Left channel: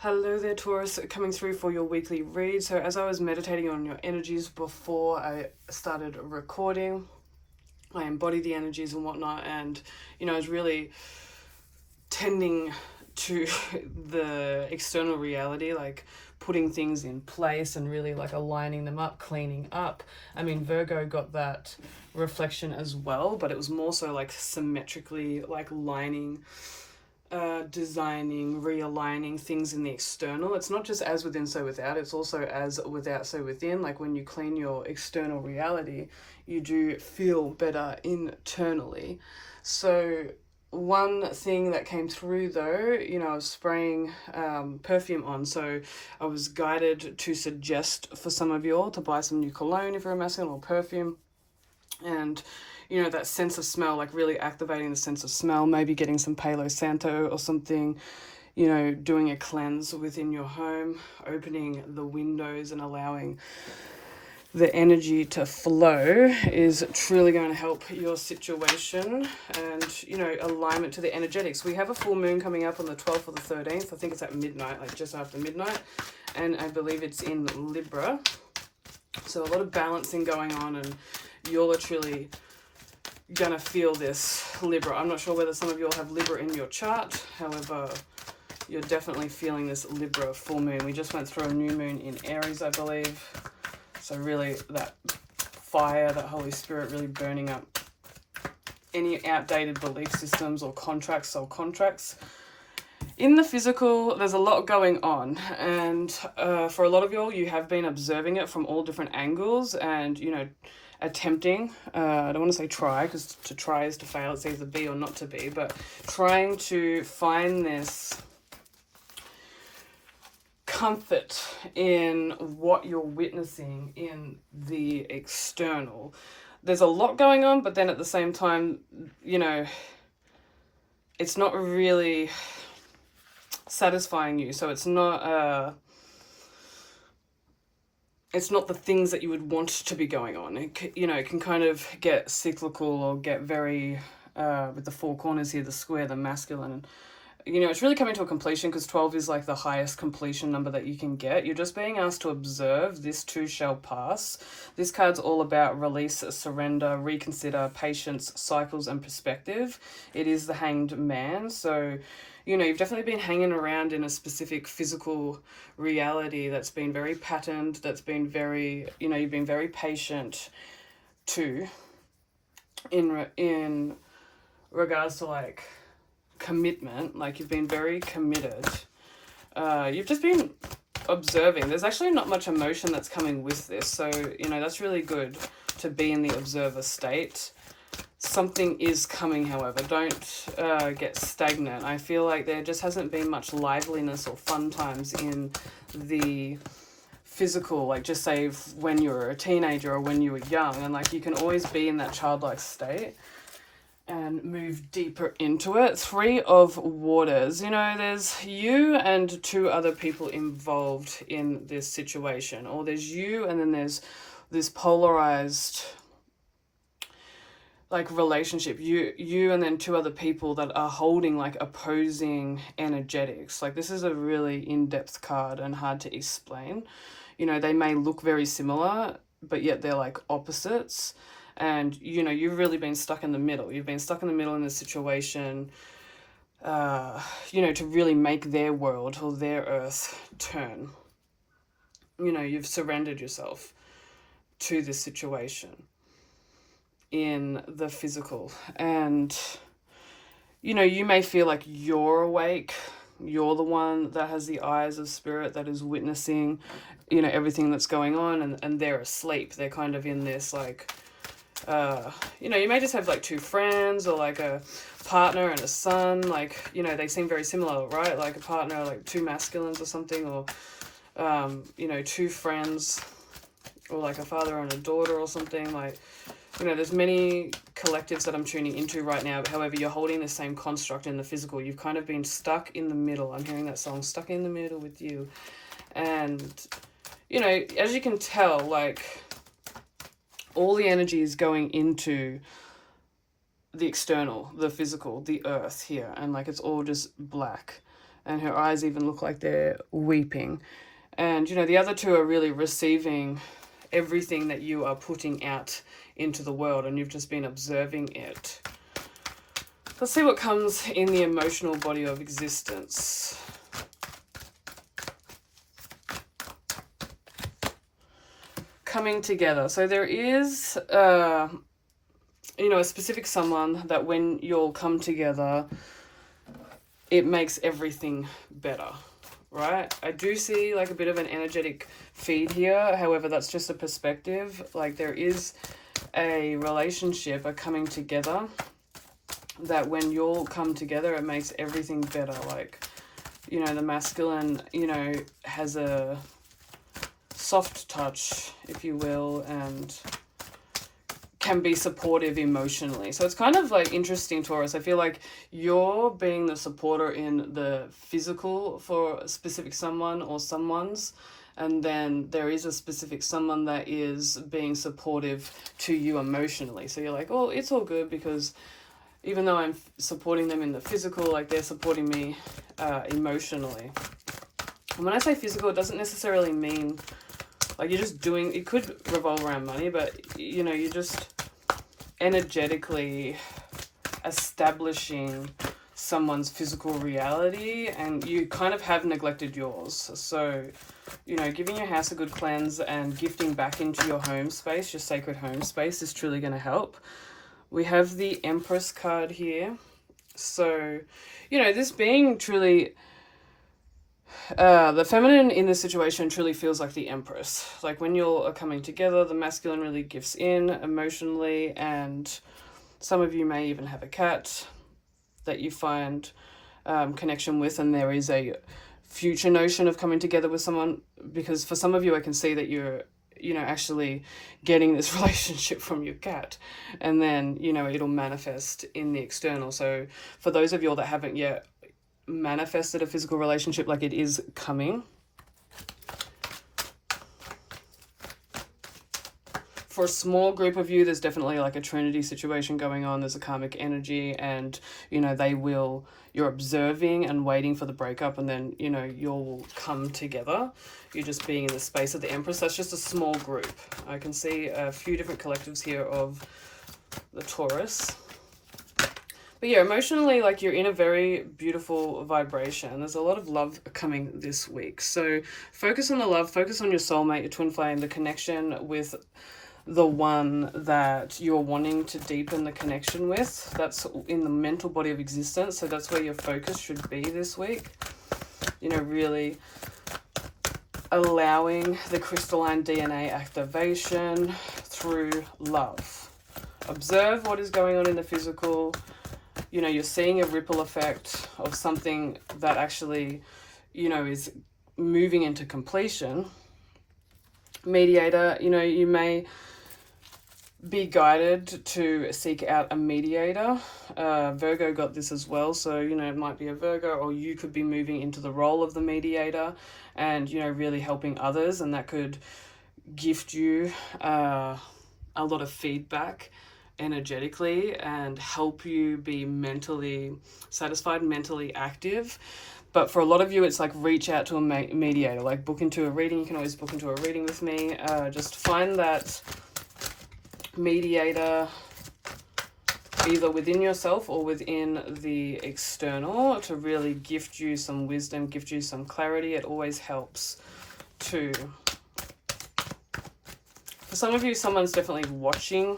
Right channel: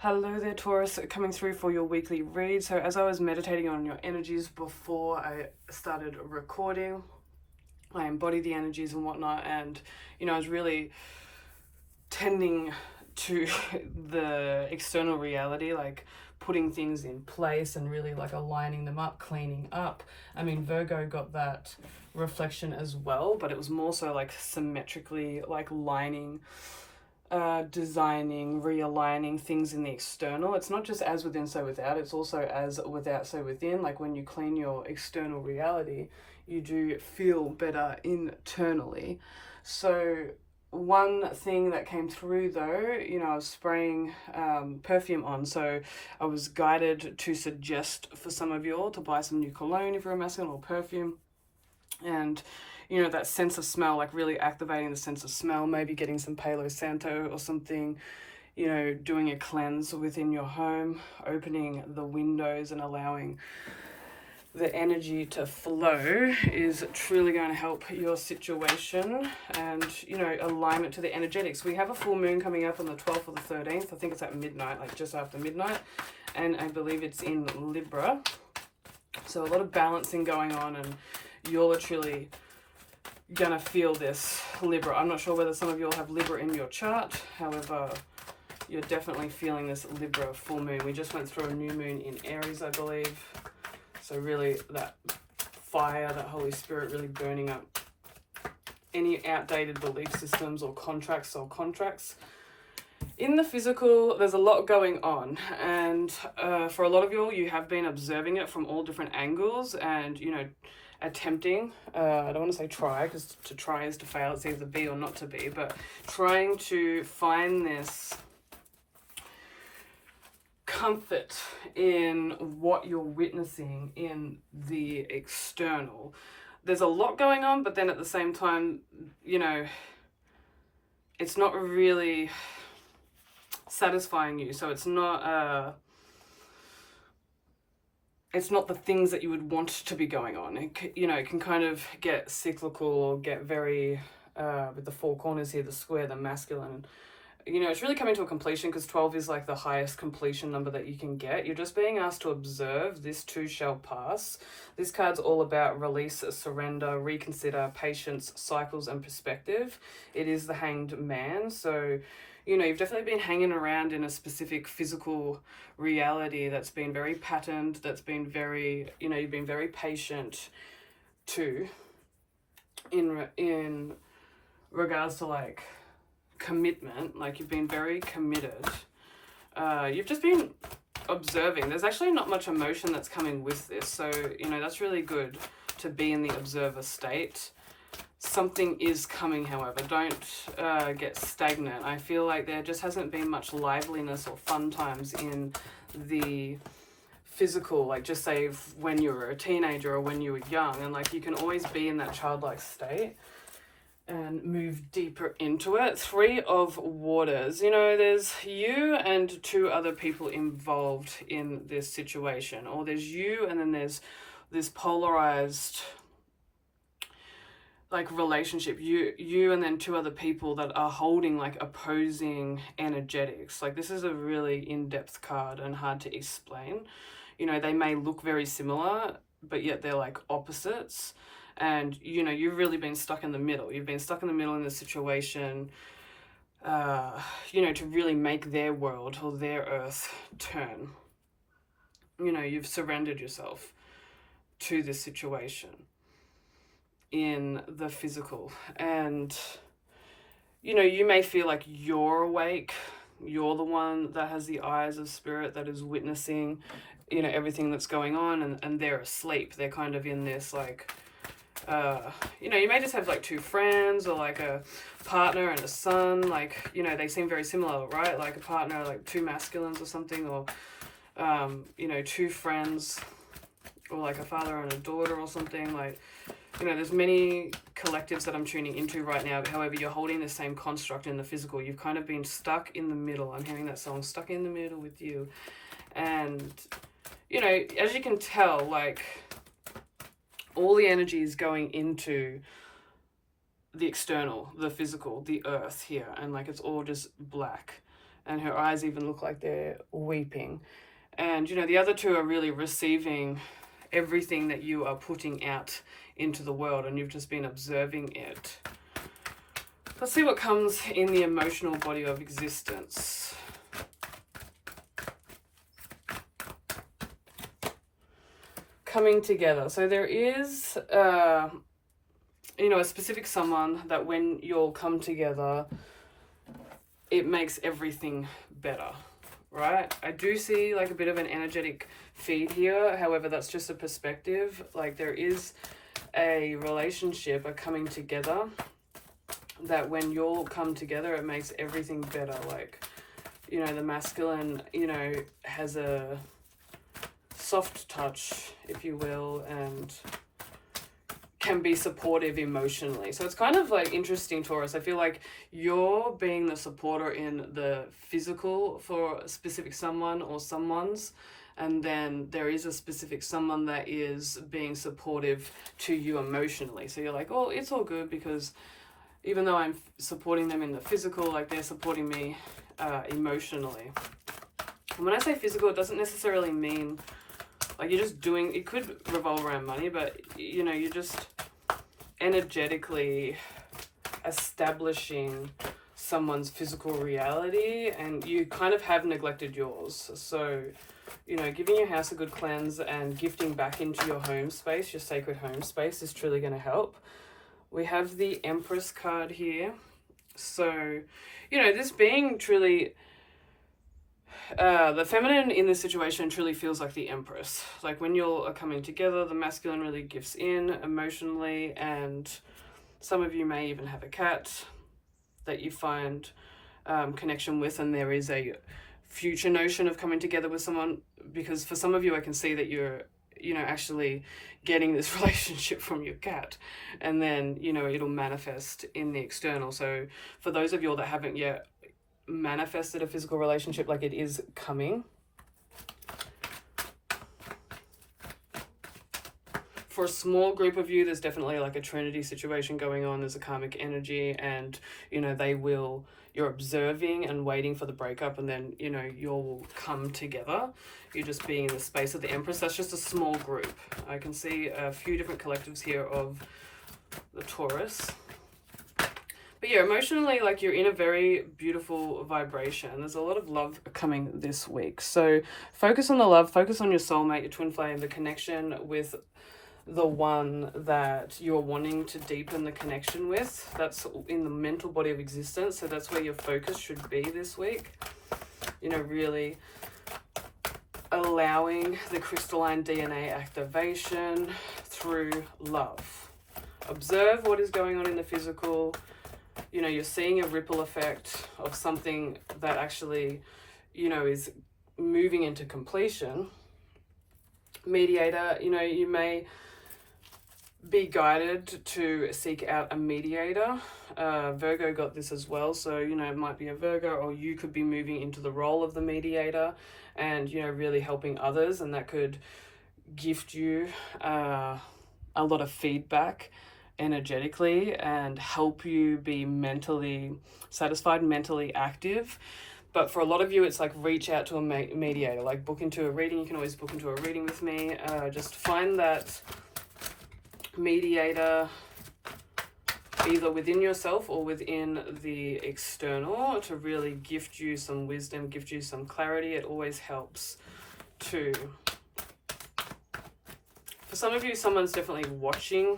Hello there, Taurus, coming through for your weekly read. So, as I was meditating on your energies before I started recording, I embodied the energies and whatnot, and I was really tending to the external reality, like putting things in place and really like aligning them up, cleaning up. I mean, Virgo got that reflection as well, but it was more so like symmetrically, like lining, designing, realigning things in the external. It's not just as within, so without. It's also as without, so within. Like when you clean your external reality, you do feel better internally. So one thing that came through though, I was spraying perfume on, so I was guided to suggest for some of you all to buy some new cologne if you're a masculine, or perfume. And that sense of smell, like really activating the sense of smell, maybe getting some Palo Santo or something, doing a cleanse within your home, opening the windows and allowing the energy to flow is truly going to help your situation. And alignment to the energetics. We have a full moon coming up on the 12th or the 13th. I think it's at midnight, like just after midnight, and I believe it's in Libra. So a lot of balancing going on, and you're literally gonna feel this Libra. I'm not sure whether some of you all have Libra in your chart. However, you're definitely feeling this Libra full moon. We just went through a new moon in Aries, I believe. So really that fire, that Holy Spirit really burning up any outdated belief systems or contracts, soul contracts. In the physical, there's a lot going on, and for a lot of y'all, you have been observing it from all different angles, and attempting, I don't want to say try, because to try is to fail. It's either be or not to be, but trying to find this comfort in what you're witnessing in the external. There's a lot going on, but then at the same time, it's not really satisfying you. So it's not the things that you would want to be going on. It can kind of get cyclical or get very with the four corners here, the square, the masculine. It's really coming to a completion, because 12 is like the highest completion number that you can get. You're just being asked to observe. This too shall pass. This card's all about release, surrender, reconsider, patience, cycles, and perspective. It is the Hanged Man. So you've definitely been hanging around in a specific physical reality that's been very patterned, that's been very, you've been very patient too, in regards to like commitment. Like you've been very committed. You've just been observing. There's actually not much emotion that's coming with this, so that's really good to be in the observer state. Something is coming, however. Don't get stagnant. I feel like there just hasn't been much liveliness or fun times in the physical, like just say when you were a teenager or when you were young, and like you can always be in that childlike state and move deeper into it. 3 of Waters. There's you and 2 other people involved in this situation, or there's you and then there's this polarized like relationship, you and then 2 other people that are holding like opposing energetics. Like this is a really in-depth card and hard to explain. They may look very similar, but yet they're like opposites. And you've really been stuck in the middle. You've been stuck in the middle in this situation, to really make their world or their earth turn. You've surrendered yourself to this situation in the physical, and you may feel like you're awake, you're the one that has the eyes of spirit that is witnessing everything that's going on, and they're asleep. They're kind of in this like you may just have like 2 friends, or like a partner and a son, like they seem very similar, right? Like a partner, like 2 masculines or something, or 2 friends, or like a father and a daughter or something. Like there's many collectives that I'm tuning into right now. However, you're holding the same construct in the physical. You've kind of been stuck in the middle. I'm hearing that song, Stuck in the Middle with You. And as you can tell, like all the energy is going into the external, the physical, the earth here, and like it's all just black. and her eyes even look like they're weeping. And, you know, the other two are really receiving everything that you are putting out into the world, and you've just been observing it. Let's see what comes in the emotional body of existence. Coming together. So there is, you know, a specific someone that when you'll come together, it makes everything better, right? I do see like a bit of an energetic feed here. However, that's just a perspective. Like there is a relationship, a coming together, that when you'll come together, it makes everything better. Like, you know, the masculine, you know, has a soft touch, if you will, and can be supportive emotionally. So it's kind of like interesting, Taurus. I feel like you're being the supporter in the physical for a specific someone or someone's, and then there is a specific someone that is being supportive to you emotionally. So you're like, oh, it's all good, because even though I'm supporting them in the physical, like they're supporting me emotionally. And when I say physical, it doesn't necessarily mean like you're just doing, it could revolve around money, but you know, you're just energetically establishing someone's physical reality, and you kind of have neglected yours. So, you know, giving your house a good cleanse and gifting back into your home space, your sacred home space, is truly going to help. We have the Empress card here. So, you know, this being truly the feminine in this situation truly feels like the Empress. Like when you're coming together, the masculine really gives in emotionally, and some of you may even have a cat that you find connection with, and there is a future notion of coming together with someone, because for some of you I can see that you're, you know, actually getting this relationship from your cat, and then, you know, it'll manifest in the external. So for those of you all that haven't yet manifested a physical relationship, like it is coming. For a small group of you, there's definitely like a trinity situation going on. There's a karmic energy, and, you know, you're observing and waiting for the breakup, and then, you know, you'll come together. You're just being in the space of the Empress. That's just a small group. I can see a few different collectives here of the Taurus. But yeah, emotionally, like you're in a very beautiful vibration. There's a lot of love coming this week. So focus on the love, focus on your soulmate, your twin flame, the connection with the one that you're wanting to deepen the connection with. That's in the mental body of existence. So that's where your focus should be this week. You know, really allowing the crystalline DNA activation through love. Observe what is going on in the physical. You know, you're seeing a ripple effect of something that actually, you know, is moving into completion. Mediator, you know, you may be guided to seek out a mediator. Virgo got this as well. So, you know, it might be a Virgo, or you could be moving into the role of the mediator and, you know, really helping others. And that could gift you a lot of feedback energetically and help you be mentally satisfied, mentally active. But for a lot of you, it's like reach out to a mediator, like book into a reading. You can always book into a reading with me. Just find that mediator either within yourself or within the external to really gift you some wisdom, gift you some clarity. It always helps too. For some of you, someone's definitely watching,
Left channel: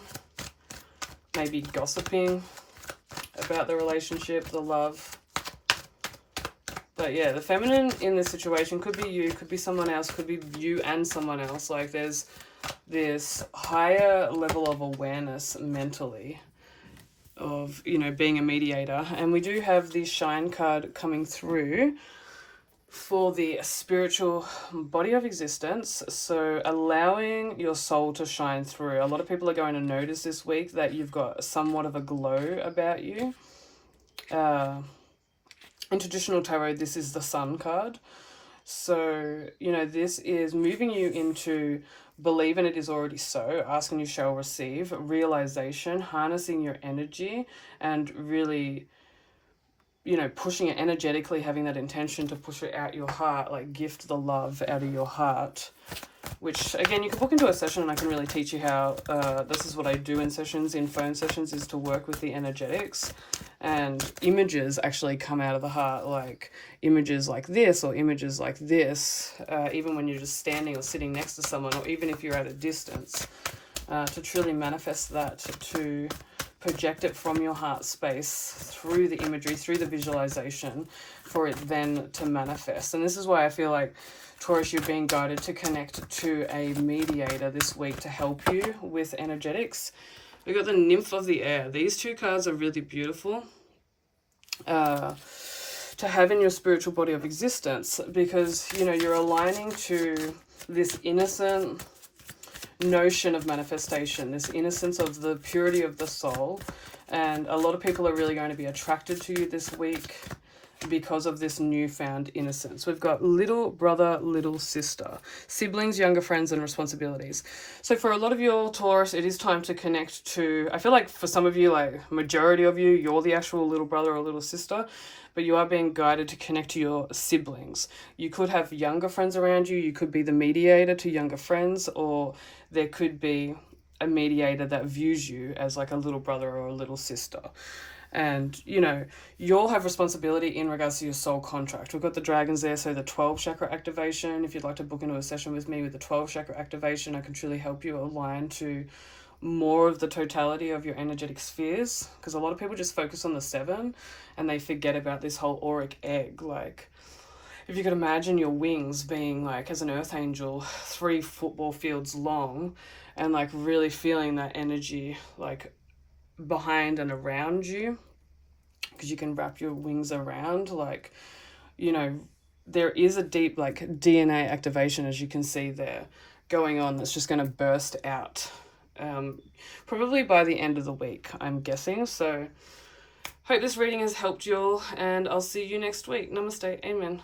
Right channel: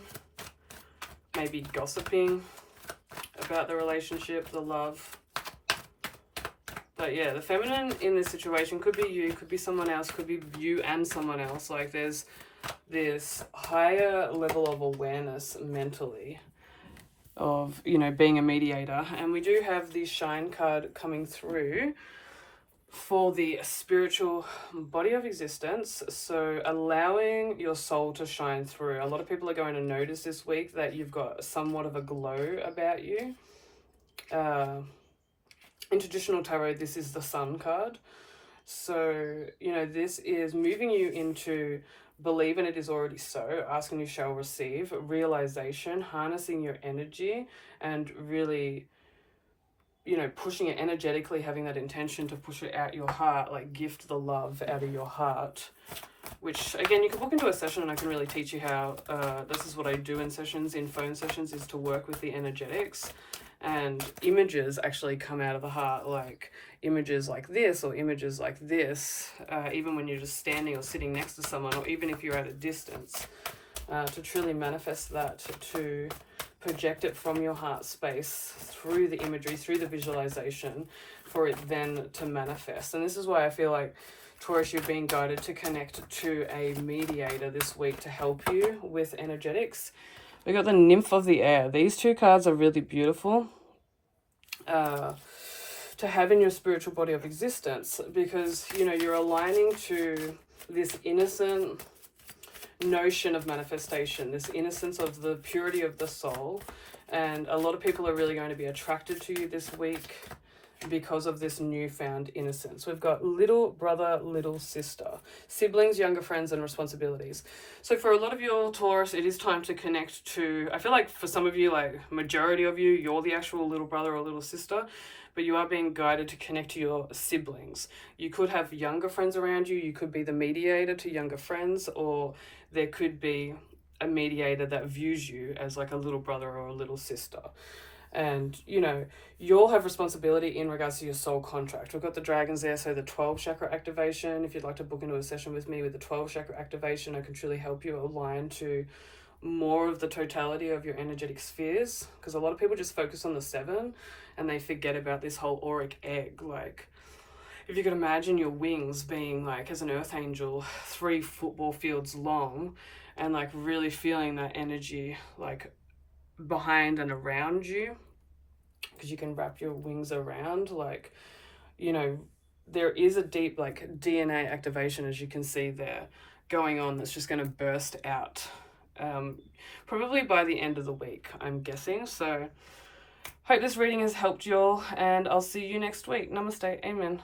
maybe gossiping about the relationship, the love. But yeah, the feminine in this situation could be you, could be someone else, could be you and someone else. Like there's this higher level of awareness mentally of, you know, being a mediator. And we do have the Shine card coming through for the spiritual body of existence. So allowing your soul to shine through. A lot of people are going to notice this week that you've got somewhat of a glow about you. In traditional tarot, this is the Sun card. So, you know, this is moving you into believe and it is already so, ask and you shall receive, realization, harnessing your energy, and really, you know, pushing it energetically, having that intention to push it out your heart, like gift the love out of your heart, which again, you can book into a session and I can really teach you how, this is what I do in sessions, in phone sessions, is to work with the energetics, and images actually come out of the heart, like images like this or images like this, even when you're just standing or sitting next to someone, or even if you're at a distance, to truly manifest that, to project it from your heart space through the imagery, through the visualization, for it then to manifest. And this is why I feel like, Taurus, you're being guided to connect to a mediator this week to help you with energetics. We got the Nymph of the Air. These two cards are really beautiful to have in your spiritual body of existence, because, you know, you're aligning to this innocent notion of manifestation, this innocence of the purity of the soul. And a lot of people are really going to be attracted to you this week because of this newfound innocence. We've got little brother, little sister, siblings, younger friends, and responsibilities. So for a lot of you, Taurus, it is time to connect to, I feel like for some of you, like majority of you, you're the actual little brother or little sister, but you are being guided to connect to your siblings. You could have younger friends around you. You could be the mediator to younger friends, or there could be a mediator that views you as like a little brother or a little sister. And, you know, you'll have responsibility in regards to your soul contract. We've got the dragons there, so the 12 chakra activation. If you'd like to book into a session with me with the 12 chakra activation, I can truly help you align to more of the totality of your energetic spheres, because a lot of people just focus on the 7 and they forget about this whole auric egg. Like, if you could imagine your wings being like, as an earth angel, 3 football fields long, and like really feeling that energy like behind and around you, because you can wrap your wings around, like, you know, there is a deep like DNA activation, as you can see there, going on, that's just going to burst out probably by the end of the week, I'm guessing. So hope this reading has helped you all, and I'll see you next week. Namaste. Amen.